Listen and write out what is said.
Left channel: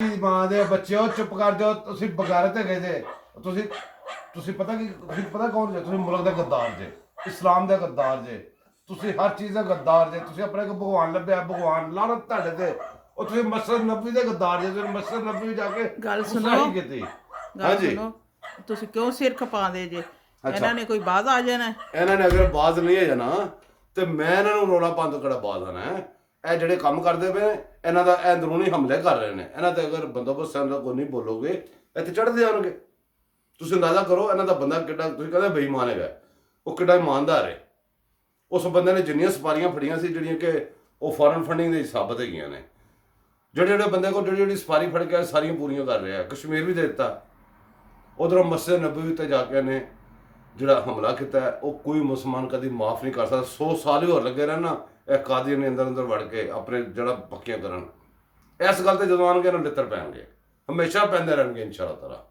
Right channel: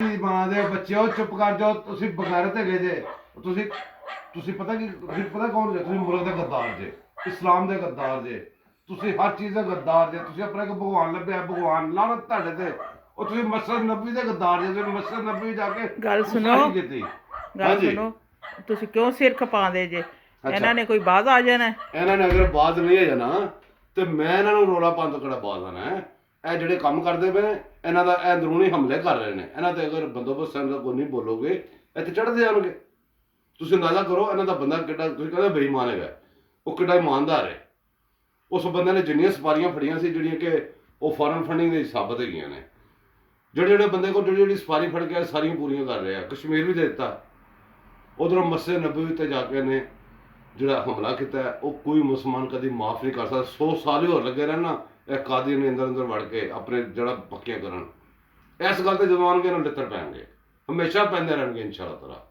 ਮਾਂ ਦੇ ਬੱਚਿਓ ਚੁੱਪ ਕਰ ਜਾਓ, ਤੁਸੀਂ ਬਗਾਰਤ ਹੈਗੇ ਜੇ। ਤੁਸੀਂ ਪਤਾ ਕੀ, ਤੁਸੀਂ ਪਤਾ ਕੌਣ ਜੇ? ਤੁਸੀਂ ਮੁਲਕ ਦਾ ਗੱਦਾਰ ਜੇ, ਇਸਲਾਮ ਦਾ ਗੱਦਾਰ ਜੇ, ਤੁਸੀਂ ਹਰ ਚੀਜ਼ ਦਾ ਗੱਦਾਰ ਜੇ। ਤੁਸੀਂ ਆਪਣਾ ਇੱਕ ਭਗਵਾਨ ਲੱਭਿਆ, ਭਗਵਾਨ ਲਾਹਨਤ ਤੁਹਾਡੇ ਤੇ। ਉਹ ਤੁਸੀਂ ਮਸਜਿਦ ਨਬੀ ਦੇ ਗੱਦਾਰ ਜੇ। ਤੁਸੀਂ ਮਸਜਿਦ ਨਬੀ ਜਾ ਕੇ ਗੱਲ ਸੁਣੋ, ਗੁਸਤਾਖੀ ਕੀਤੀ। ਗੱਲ ਸੁਣੋ, ਤੁਸੀਂ ਕਿਉਂ ਸਿਰ ਖਪਾਉਂਦੇ ਜੇ? ਇਹਨਾਂ ਨੇ ਕੋਈ ਬਾਜ਼ ਆ ਜਾਣਾ। ਇਹਨਾਂ ਨੇ ਅਗਰ ਬਾਜ਼ ਨਹੀਂ ਹੈ ਜਾਣਾ ਤੇ ਮੈਂ ਇਹਨਾਂ ਨੂੰ ਰੋਲਾ ਪਾਉਣ ਤੋਂ ਕਿਹੜਾ ਬਾਜ਼ ਆਣਾ ਹੈ? ਇਹ ਜਿਹੜੇ ਕੰਮ ਕਰਦੇ ਪਏ ਇਹਨਾਂ ਦਾ ਇਹ ਅੰਦਰੂਨੀ ਹਮਲੇ ਕਰ ਰਹੇ ਨੇ। ਇਹਨਾਂ ਤੇ ਅਗਰ ਬੰਦੋਬਸਤ ਦਾ ਕੋਈ ਨਹੀਂ ਬੋਲੋਗੇ ਇੱਥੇ ਚੜ੍ਹਦੇ ਆਉਣਗੇ। ਤੁਸੀਂ ਅੰਦਾਜ਼ਾ ਕਰੋ ਇਹਨਾਂ ਦਾ ਬੰਦਾ ਕਿੱਡਾ, ਤੁਸੀਂ ਕਹਿੰਦੇ ਬੇਈਮਾਨ ਹੈਗਾ, ਉਹ ਕਿੱਡਾ ਇਮਾਨਦਾਰ ਹੈ। ਉਸ ਬੰਦੇ ਨੇ ਜਿੰਨੀਆਂ ਸਪਾਰੀਆਂ ਫੜੀਆਂ ਸੀ ਜਿਹੜੀਆਂ ਕਿ ਉਹ ਫੋਰਨ ਫੰਡਿੰਗ ਦੇ ਸਾਬਤ ਹੈਗੀਆਂ ਨੇ। ਜਿਹੜੇ ਬੰਦੇ ਕੋਲ ਜਿਹੜੀ ਸਪਾਰੀ ਫੜ ਕੇ ਸਾਰੀਆਂ ਪੂਰੀਆਂ ਕਰ ਰਿਹਾ। ਕਸ਼ਮੀਰ ਵੀ ਦੇ ਦਿੱਤਾ, ਉਧਰੋਂ ਮਸਜਿਦ ਨਬਵੀ ਤੇ ਜਾ ਕੇ ਨੇ ਜਿਹੜਾ ਹਮਲਾ ਕੀਤਾ ਉਹ ਕੋਈ ਮੁਸਲਮਾਨ ਕਦੀ ਮਾਫ ਨਹੀਂ ਕਰ ਸਕਦਾ। 100 ਸਾਲ ਹੀ ਹੋਰ ਲੱਗੇ ਰਹਿਣਾ ਇਹ ਕਾਦੀ ਨੇ ਅੰਦਰ ਵੜ ਕੇ ਆਪਣੇ ਜਿਹੜਾ ਪੱਕੀਆਂ ਕਰਨ। ਇਸ ਗੱਲ ਤੇ ਜਦੋਂ ਆਉਣਗੇ ਇਹਨਾਂ ਨੂੰ ਲਿੱਤਰ ਪੈਣਗੇ, ਹਮੇਸ਼ਾ ਪੈਂਦੇ ਰਹਿਣਗੇ ਇਨਸ਼ਾ ਅੱਲਾਹ ਤਾਲਾ।